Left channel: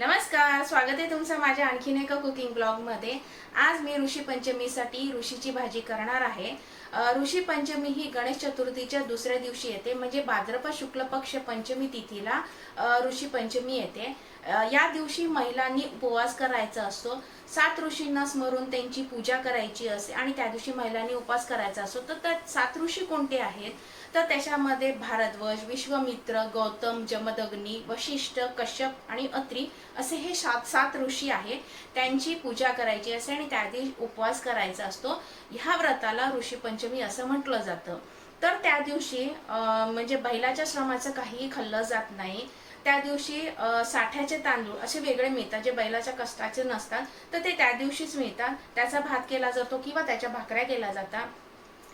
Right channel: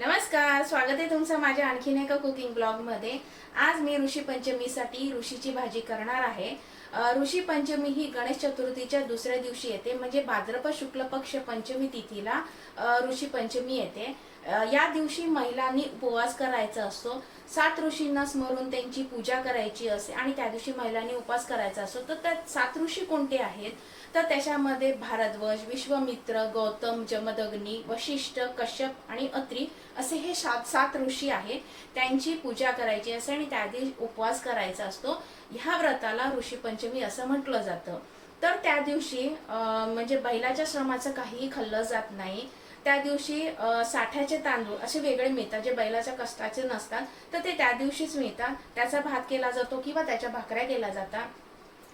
नमस्कार स्वागत आहे तुमचं माझ्या आणखीन एका कुकिंग ब्लॉगमध्ये आज मी ऋषी पंचमीसाठी ऋषीची भाजी करणार आहे. ऋषी पंचमी ही गणेश चतुर्थीच्या दुसऱ्या दिवशी येते म्हणजे भाद्रपद शुक्ल पक्ष पंचमी तिथीला ऋषी पंचमी येते. या दिवशी महिलांनी उपवास करायचा असतो. सात ऋषींना स्मरून त्यांची पूजा करायची असते आणि त्या दिवशी महिलांनी उपवास करायचा असतो. तर त्या सात ऋषी कोणते आहेत? तर त्याच्यामध्ये भारद्वज विश्वमित्र गौतम जमदग्नी वशिष्ठ कश्यप आणि अत्री असे हे सात सात ऋषी आहेत. त्यांची पूजा करायची असते आणि त्या दिवशी उपवास करायचा असतो. ह्या व्रताला ऋषी पंचमी असं म्हटलं जातं. तर त्या दिवशी म्हणजे बैलाच्या श्रमाचं काहीही खाल्लं जात नाही. त्या दिवशी साठ्याचे तांदूळ असे वेगळे मिळतात जे बैलाच्या कष्टाचे नसतात तर ते त्या दिवशीच मिळतात. त्याचा भात केला जातो किंवा त्याच्या भाकऱ्या केल्या जातात.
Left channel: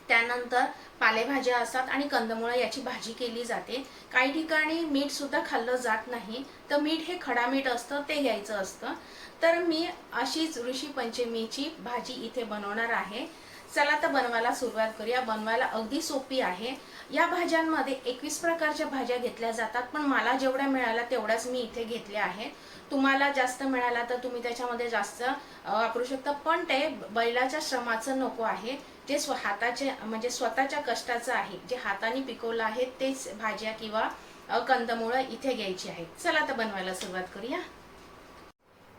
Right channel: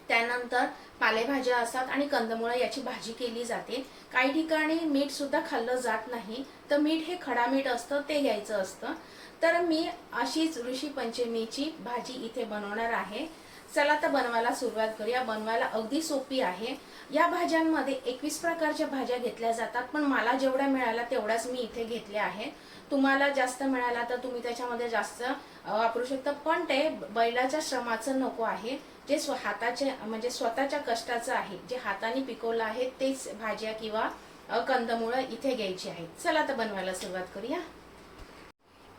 त्यानंतर पालेभाज्या असतात आणि कंदमुळं याची भाजी केली जाते. काही ठिकाणी मीठ सुद्धा खाल्लं जात नाही. तर मीठ हे खडा मीठ असतं ते घ्यायचं असतं. तर मी अशीच ऋषी पंचमीची भाजी इथे बनवणार आहे. चला तर बनवायला सुरुवात करूया. बनवायला अगदी सोपी आहे. या भाज्यांमध्ये एकवीस प्रकारच्या भाज्या घेतल्या जातात पण मला जेवढ्या मिळाल्या तेवढ्याच मी इथे घेतल्या आहेत तुम्हाला जास्त मिळाला तर तुम्ही त्याच्यामध्ये जास्त वापरू शकता पण ते बैलाच्या श्रमाचं नको आहे. जे स्व हाताचे म्हणजे स्वतःच्या कष्टाचं आहे जे हाताने पिकवलं आहे तेच भाज्या किंवा कंदमुळं इथे घ्यायची आहेत. चला तर बनवायला सुरुवात करूया.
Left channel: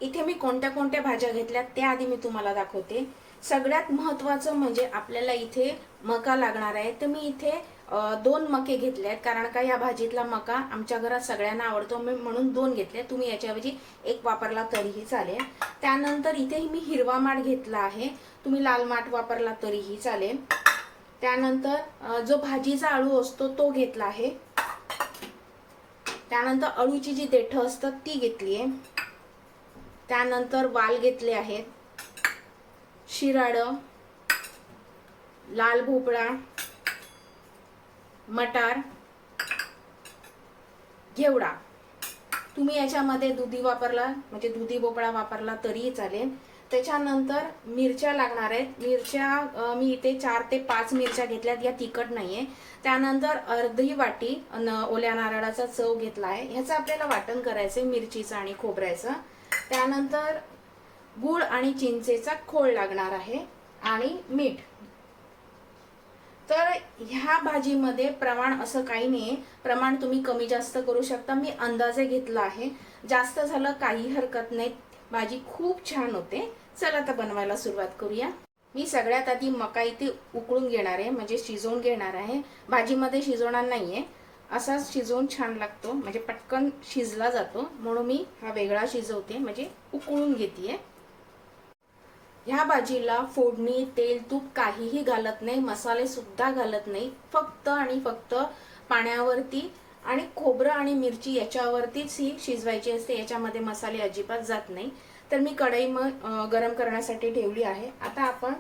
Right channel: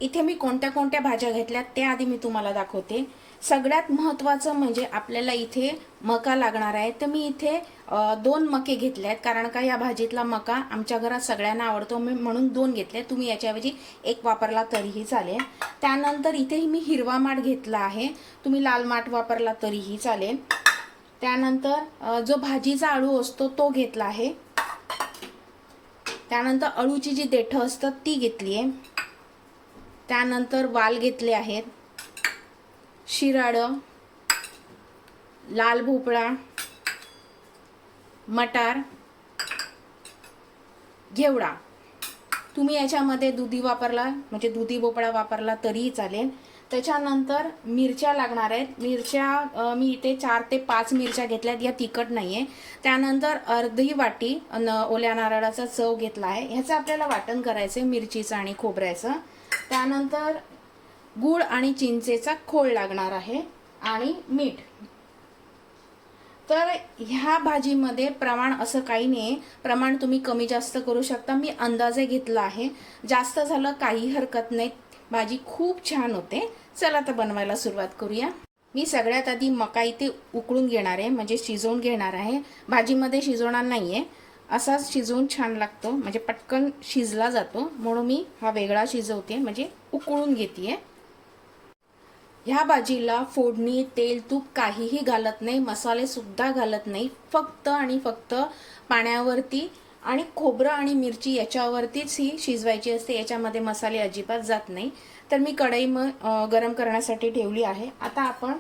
इथे मी कोणत्या कोणत्या भाज्या घेतल्या त्या आधी मी तुम्हाला दाखवते. सगळ्यात महत्वाचं म्हणजे आपल्याला इथे मका लागणार आहे. तर मी इथे दोन मके घेतले आहेत. कारण का या भाजीतला मका आमच्या घरात सगळ्यांना आवडतो. मी म्हणून दोन घेतले तुम्ही याच्याऐवजी एक वापरला तरीही चालेल. त्यानंतर इथे मी हिरवा माठ घेतला आहे. तुम्ही लाल माठ वापरला तरीही चालेल. त्यानंतर जो भाजीचा अळू असतो तो घेतला आहे. त्यानंतर अळूची जी देठं असतात ती घेतली आहे. त्यानंतर वाल घेतले आहेत. शिराडं लाल भोपळा मटार घेवडा. तुम्ही याच्यामध्ये दुधी वापरला म्हणजे दुधी भोपळा वापरला तरीही चालेल. त्याच्यानंतर मिरच्या लागणार आहेत. मिरच्या मी इथे चार ते पाच मिरच्या घेतल्यात या तिखट नाही आहे त्यानंतर अर्धी वाटी न- ओल्या नारळाचा चव घेतला आहे ह्याचं आपल्याला वाटण करायचं आहे मिरचीचं आणि खोबऱ्याचं. त्यानंतर गूळ आणि चिंचेचा खोळ लागणार आहे आणि मीठ. तर ह्या भाजीमध्ये प्रमाण असं काही नाही प्रमाण तुम्ही कमी जास्त करू शकता. मी अंदाजे घेतला आहे. जास्त झालं काही हरकत नाही. भाजी खूप छान होते. चला तर बनवायला सुरुवात करूया. मी सगळ्यात आधी मका इथे उकळून घेणार आहे. म्हणजे शिजवून घेणार आहे. भाजीमध्ये शिजवणार नाही आहे असाच शिजवून छान लागतो. म्हणजे पटकन शिजला जातो. म्हणून मी हा वेगळा शिजवते. म्हणजे उकळून घेते ह्या भाजीला फोडणी तेल तूप काहीही घालत नाही मसाले सुद्धा घालत नाही. फक्त आणि फक्त पाण्यावरती आणि खोबरं आणि मिरची याच्यावरतीच ही शिजवायची असते. याच्यामध्ये मसाले अजिबात जात नाही. तर मी कढई मग गरम करण्यासाठी ठेवली आहे. आता आपण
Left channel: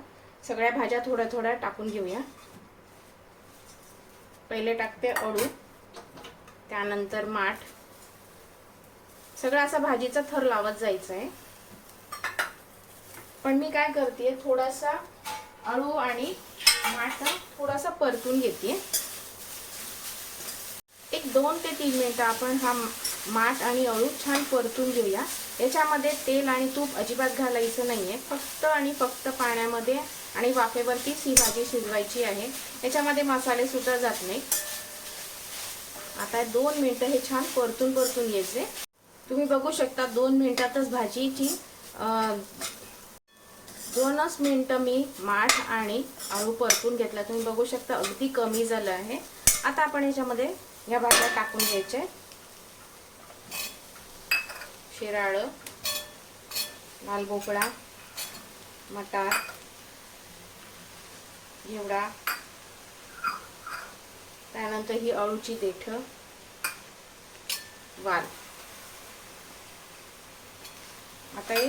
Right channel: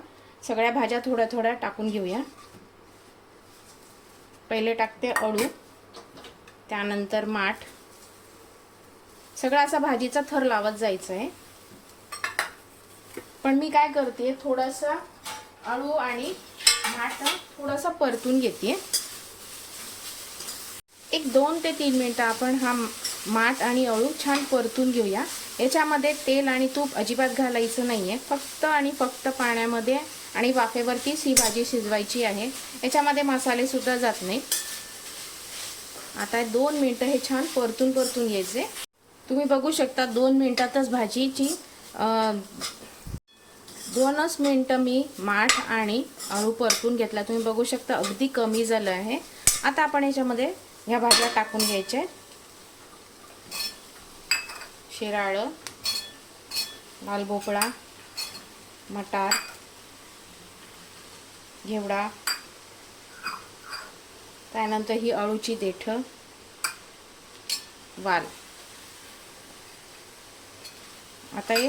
सगळ्या भाज्या थोड्या थोड्या टाकून घेऊया. पहिले टाकते अळू त्यानंतर माठ. सगळा असा भाजीचा थर लावत जायचा आहे पण मी काय करते थोडासा अळू आणि माठ थोडासा परतून घेते एक दोन ते तीन मिनटं आपण हा माठ आणि अळू छान परतून घेऊया. याच्यामध्ये तेल आणि तूप अजिबात घालायचं नाहीये. फक्त आणि फक्त पाण्यामध्ये आणि वाफेवरतीच ही भाजी शिजवायची आहे. याच्यामध्ये मसाले सुद्धा जात नाही आता दोन मिनटं हे छान परतून परतून घ्यायचे. तुम्ही बघू शकता दोन मिनिटातच भाजीची दोनच मिनटं मी माठ आणि अळू परतून घेतला. तुम्ही बघू शकता अगदी कमी झालं आहे. आता आपण याच्यामध्ये ह्या भाज्या टाकून घ्यायच्या शिराळं लाल भोपळा मटार घेवडा त्यानंतर ही अळूची देठ वाल. आता हे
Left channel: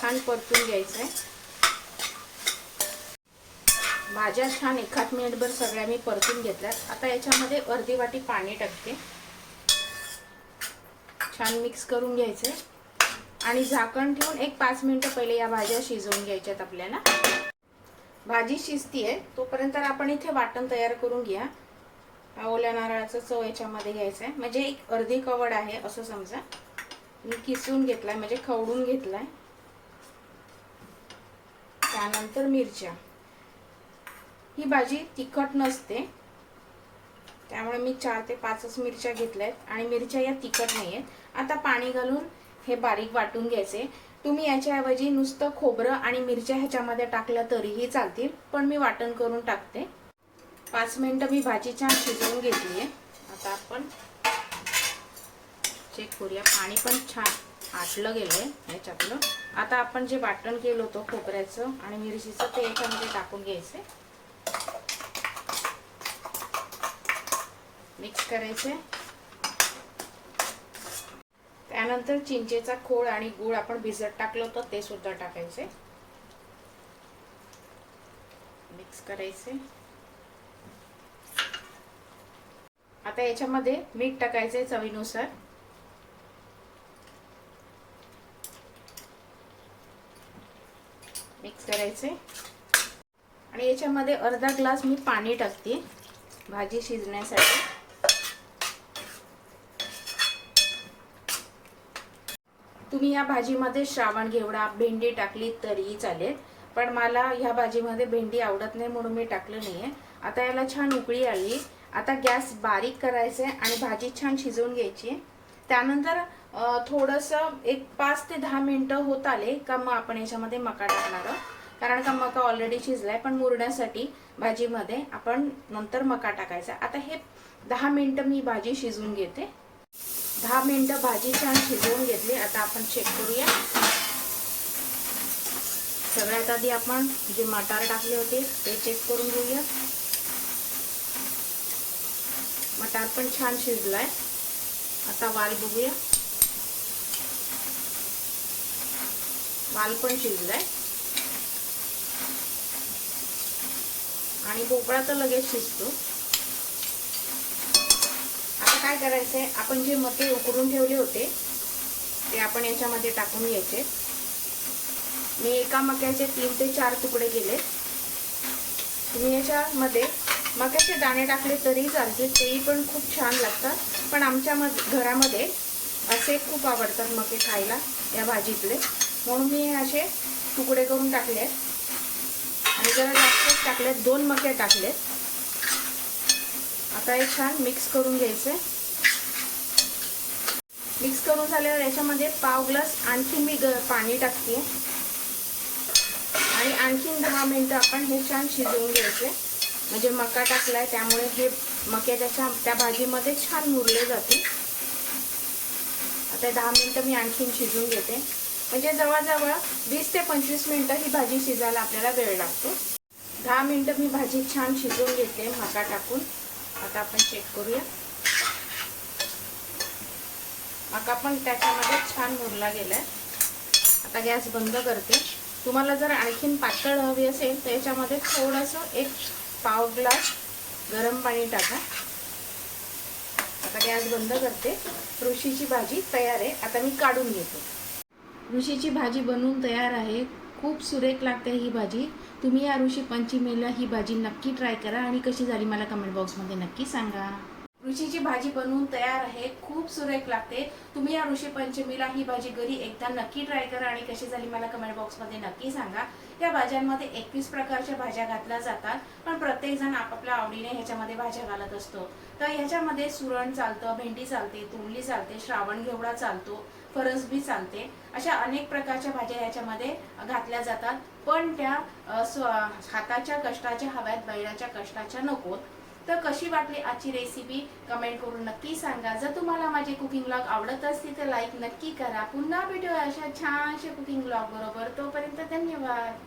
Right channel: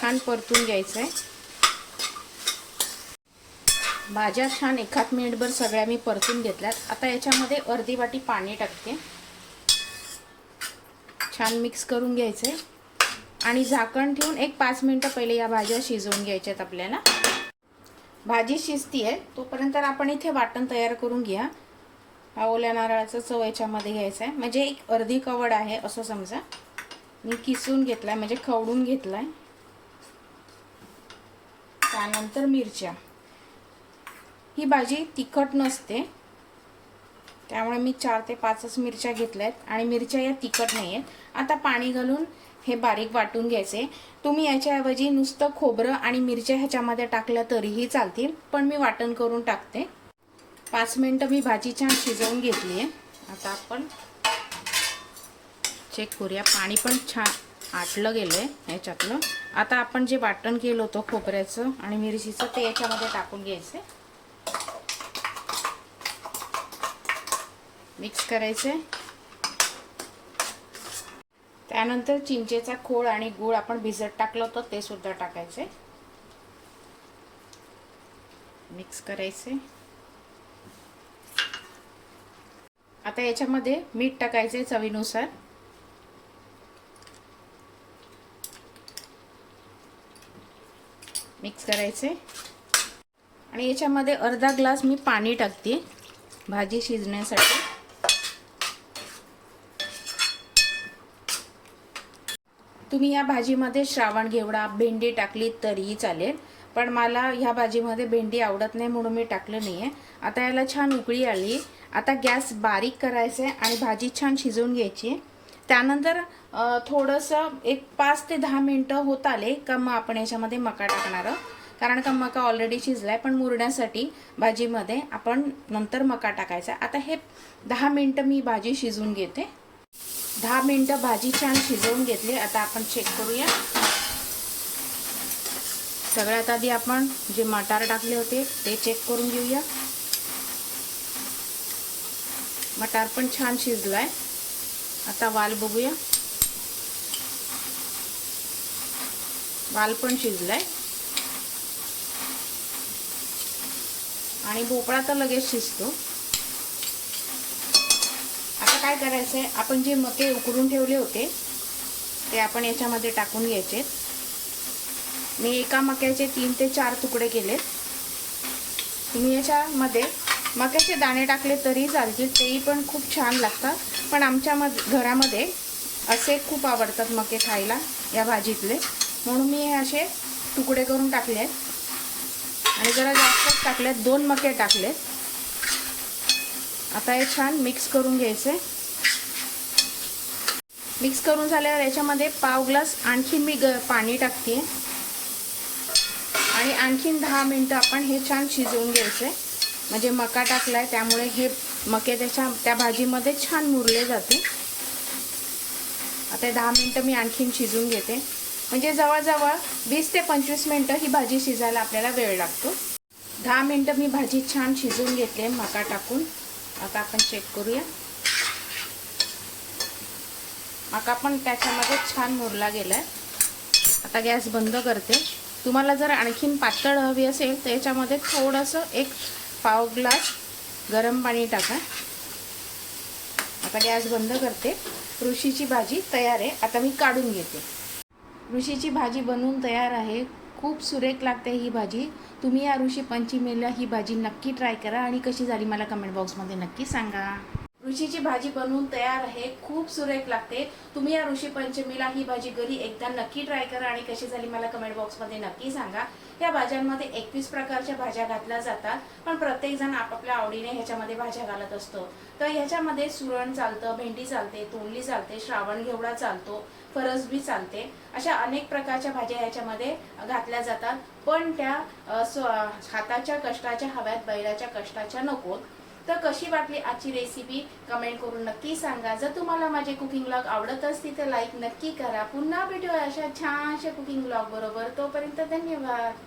छान परतून घ्यायचं आहे भाज्या छान एखाद मिनिटभर सगळ्या मी परतून घेतल्यात. आता याच्यामध्ये अर्धी वाटी पाणी टाकते. छान मिक्स करून घ्यायचे आणि झाकण ठेवून एक पाच मिनिटं पहिले या भाज्या शिजवून घ्यायच्यात आपल्याला. भाजी शिजतीये तोपर्यंत आपण इथे वाटण तयार करून घ्या. हा ओल्या नारळाचा चव याच्यामध्ये घ्यायचा आहे म्हणजे एक अर्धी कवड आहे असं समजा. मी किसून घेतलाय म्हणजे खवडून घेतलाय. त्यानंतर मिरच्या. ही भाजी तिखट नसते. त्यामुळे मी चार ते पाचच मिरच्या घेतल्या आहेत आणि मिरच्या या तिखट नाही आहेत आता पाणी घालून हे बारीक वाटून घ्यायचे. तुम्ही याच्याऐवजी नुसतं खोबरं आणि मिरच्या ह्याच्यामध्ये टाकल्या तरीही चालतील पण मी वाटण करून टाकते. पाच मिनटं मी भाजी छान शिजवून घेतली आहे. आता आपण चेक करूया. पाणी पण छान आटलं गेलं आहे ह्याच्यातलं आता आपण जे वाटण केलं होतं खोबऱ्याचं आणि मिरचीचं ते याच्यामध्ये टाकून घ्यायचं. मिक्स करायचे. त्यानंतर चिंचेचा खोळ आणि गूळ आपण भिजत टाकलं होतं ते सुद्धा टाकायचे. मिक्स करायचे. आता याच्यामध्ये मीठ टाकायचे चवीनुसार. मिक्स करायचे. आणि याच्यामध्ये अर्धा ग्लास मी पाणी टाकते भाजी शिजण्यासाठी. तुम्ही या भाजीमध्ये श्रावण घेवडा भेंडी टाकली तरीही चालेल. पण मला ह्या भाजीमध्ये भेंडी आवडत नाही म्हणून मी टाकलं नाही आहे आता याला छान उकळी आली. आता गॅस बारीक करायचे आणि भाजी छान शिजवून घ्यायची. त्यानंतर थोडंसं एक पाच ते दहा मिनटं होत आले का मग आपण याच्यामध्ये मका टाकणार कारण का मका ऑलरेडी शिजलाय पण मुरण्यासाठी भाजीमध्ये आपण नंतर मका टाकायचा. आता हे दहा मिनटं मी भाजी शिजवून घेते. दहा मिनटं भाजी छान शिजवून घेतली. आता आपण चेक करूया. सगळ्यात आधी आपण जे मटार टाकले होते ते चेक करून घेऊया. मटार पण छान शिजलाय. आता वाल बघूया. वाल पण शिजलाय. आणि भोपळा तर लगेच शिजतो. काय काय करायचंय आपण जे मके उकडून ठेवले होते ते आपण याच्यामध्ये टाकून घ्यायचे. मी एका मक्याचे तीन ते चार तुकडे केले. तुम्ही याच्यामध्ये मक्याचे दाणे टाकले तरी चालतील तेही पण खूप छान लागतात. पण आमच्या घरामध्ये असे खूप आवडतात मके खायला या भाजीतले. म्हणून मी असे तुकडे करून टाकले आहेत. आणि जरा जास्तच टाकलेत दोन मके टाकलेत आता हे छान मिक्स करून घ्यायचे. मिक्स करून झाल्यावर याच्यामध्ये पाव ग्लास आणखीन मी ग पाणी टाकते. आणि आणखीन दहा मिनटं आपण हे छान शिजवून घ्यायचे. म्हणजे मका टाकलाय त्यामुळे हे मक्याच्या त्याच्या त्या भाजीमध्ये छान मुरले जाते. आता दहा मिनटं मी आणखीन शिजवून घेते. म्हणजे जवळजवळ वीस ते पंचवीस मिनटं ही भाजी शिजायला आपल्याला वेळ लागतो. दहा मिनटं मी भाजी छान शिजवून घेतली मका टाकून. आता आपण चेक करूया. आता पण त्याच्यामध्ये छान मुरला गेलाय. आता गॅस बंद करते. तुम्हाला जर आणखीन पातळ हवी असेल तर याच्यामध्ये थोडंसं एक पाव ग्लास गरम पाणी टाका. आता गॅस बंद करते. ऋषीची भाजी तयार आहे. आता मी काढून घेते. ऋषीची भाजी बनवून तयार आहे. खूप सुरेख लागते ही भाजी. तुम्ही या ऋषी पंचमीला ही भाजी नक्की ट्राय करा आणि कशी झाली मला कमेंट बॉक्समध्ये नक्की सांगा. ऋषीची भाजी बनवून तयार आहे. खूप सुरेख लागते. तुम्ही या ऋषी पंचमीला ही भाजी घरी एकदा नक्की ट्राय करा आणि कशी झाली मला कमेंट बॉक्समध्ये नक्की सांगा. या भाज्यांमध्ये एकवीस प्रकारच्या भाज्या घातल्या जातात पण प्रत्येक जण आपापल्या आवडीने ह्याच्यामध्ये भाज्या घालत असतो. तर ह्याच्यामध्ये सुरण चालतं भेंडी चालते तोंडली चालते श्रावण घेवडा चालतो फरसबी चालते. अशा अनेक प्रकारच्या भाज्या ह्याच्यामध्ये घातल्या जातात. पण त्या हाताच्या कष्टाच्या हव्यात बैलाच्या कष्टाच्या नकोत. तर कशी वाटली आजची रेसिपी कमेंट करून नक्की सांगा. जर तुम्हाला माझे कुकिंग ब्लॉग आवडत असतील तर लाईक नक्की करा. पुन्हा भेटूया अशा छानशा कुकिंग ब्लॉग बरोबर. तोपर्यंत धन्यवाद.